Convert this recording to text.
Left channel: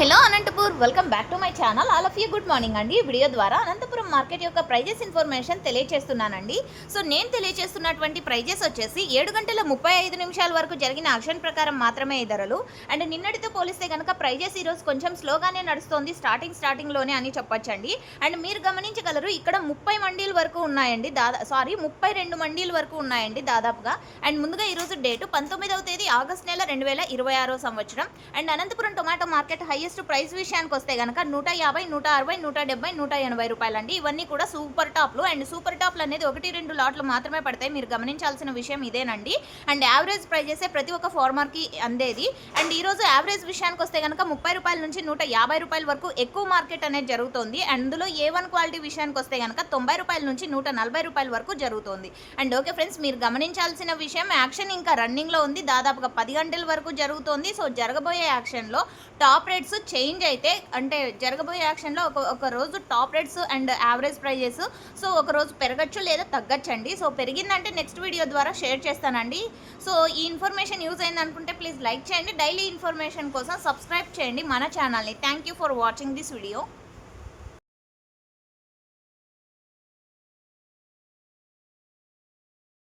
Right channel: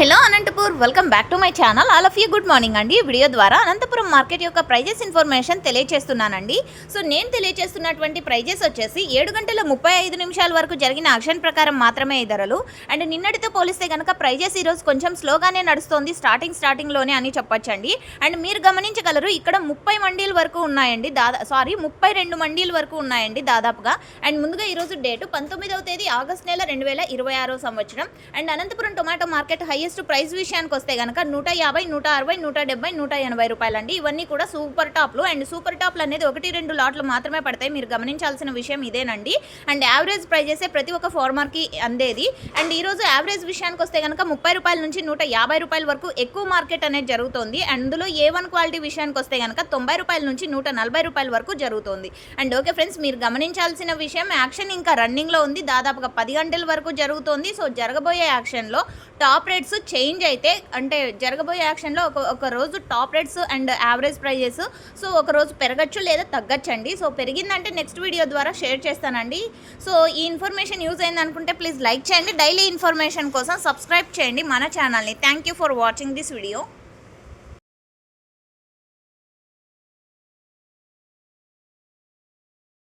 Hello Anantapur, welcome back to my channel. All of you good morning అండి. Video ద్వారా Anantapuram market యొక్క prices information తెలియజేస్తున్నానండి. So నేను తెలియజేస్తున్నటువంటి prices వచ్చేసి 7:35 వరకు జరిగిన ఆక్షన్ ప్రకారం మాత్రమే ఈ ధరలు. అండ్ నిన్నటితో పోలిస్తే కనుక ప్రైజెస్ ఈరోజు కొంచెం స్లోగానే నడుస్తుంది, స్టార్టింగ్లోనే అని చెప్పొచ్చండి. అండ్ మీరు గమనించగలరు, ఇక్కడ 30 మండీల వరకు ఉన్నాయండి, 32 మండీల వరకు ఉన్నాయండి దాదాపుగా. అండ్ ముందుగా ఈరోజు డేటు 19వ తేదీ ఆగస్ట్ నెల 2026 సంవత్సరం. And Anantapuram tomato market highest price విషయానికి వస్తే కనుక 150, 160, 170, 180 రూపాయలండి. ఇవన్నీ కూడా సూపర్ టాప్లు. అండ్ సూపర్ టాప్లు అనేది 1-2 లాట్లు మాత్రమే పడతాయి. మీరు గమనించాల్సిన విషయం ఇదేనండి. అండ్ యావరేజ్ ప్రైజెసే ప్రతి ఒక్క ఫార్మర్కి అందేది. అండ్ ఈరోజు యావరేజ్ విషయానికి వస్తే కనుక 30 రూపాయల నుంచి 150 రూపాయల వరకు ఎక్కువ మార్కెట్ అనేది జరుగుతుంది. అందులో A1 క్వాలిటీ విషయానికి వస్తే కనుక 90 రూపాయల నుంచి 140 రూపాయల వరకు జరుగుతుంది. అండ్ ఓకే ఫ్రెండ్స్, మీరు గమనించాల్సిన విషయం, యాక్షన్ ఇంకా రన్నింగ్లో ఉంది, దాదాపుగా 10 గంటల వరకు జరుగుతుంది. సో జరగబోయే యాక్షన్లో టాప్ రేట్స్ చేంజ్ అయితే, అంటే జరగబోయే యాక్షన్లో ఒక రోజు top rates and average prices so ఒక రోజు పెరగచ్చు లేదా తగ్గచ్చండి. సో పెరిగిందంటే నెక్స్ట్ వీడియో ద్వారా షేర్ చేస్తానండి. సో ఈ ఇన్ఫర్మేషన్ యూజ్ అయింది అనుకుంటే ప్లీజ్ లైక్ చేయండి. డైలీ ఇన్ఫర్మేషన్ కోసం సబ్స్క్రైబ్ చేయండి మన ఛానల్ని. Thank you for watching this video.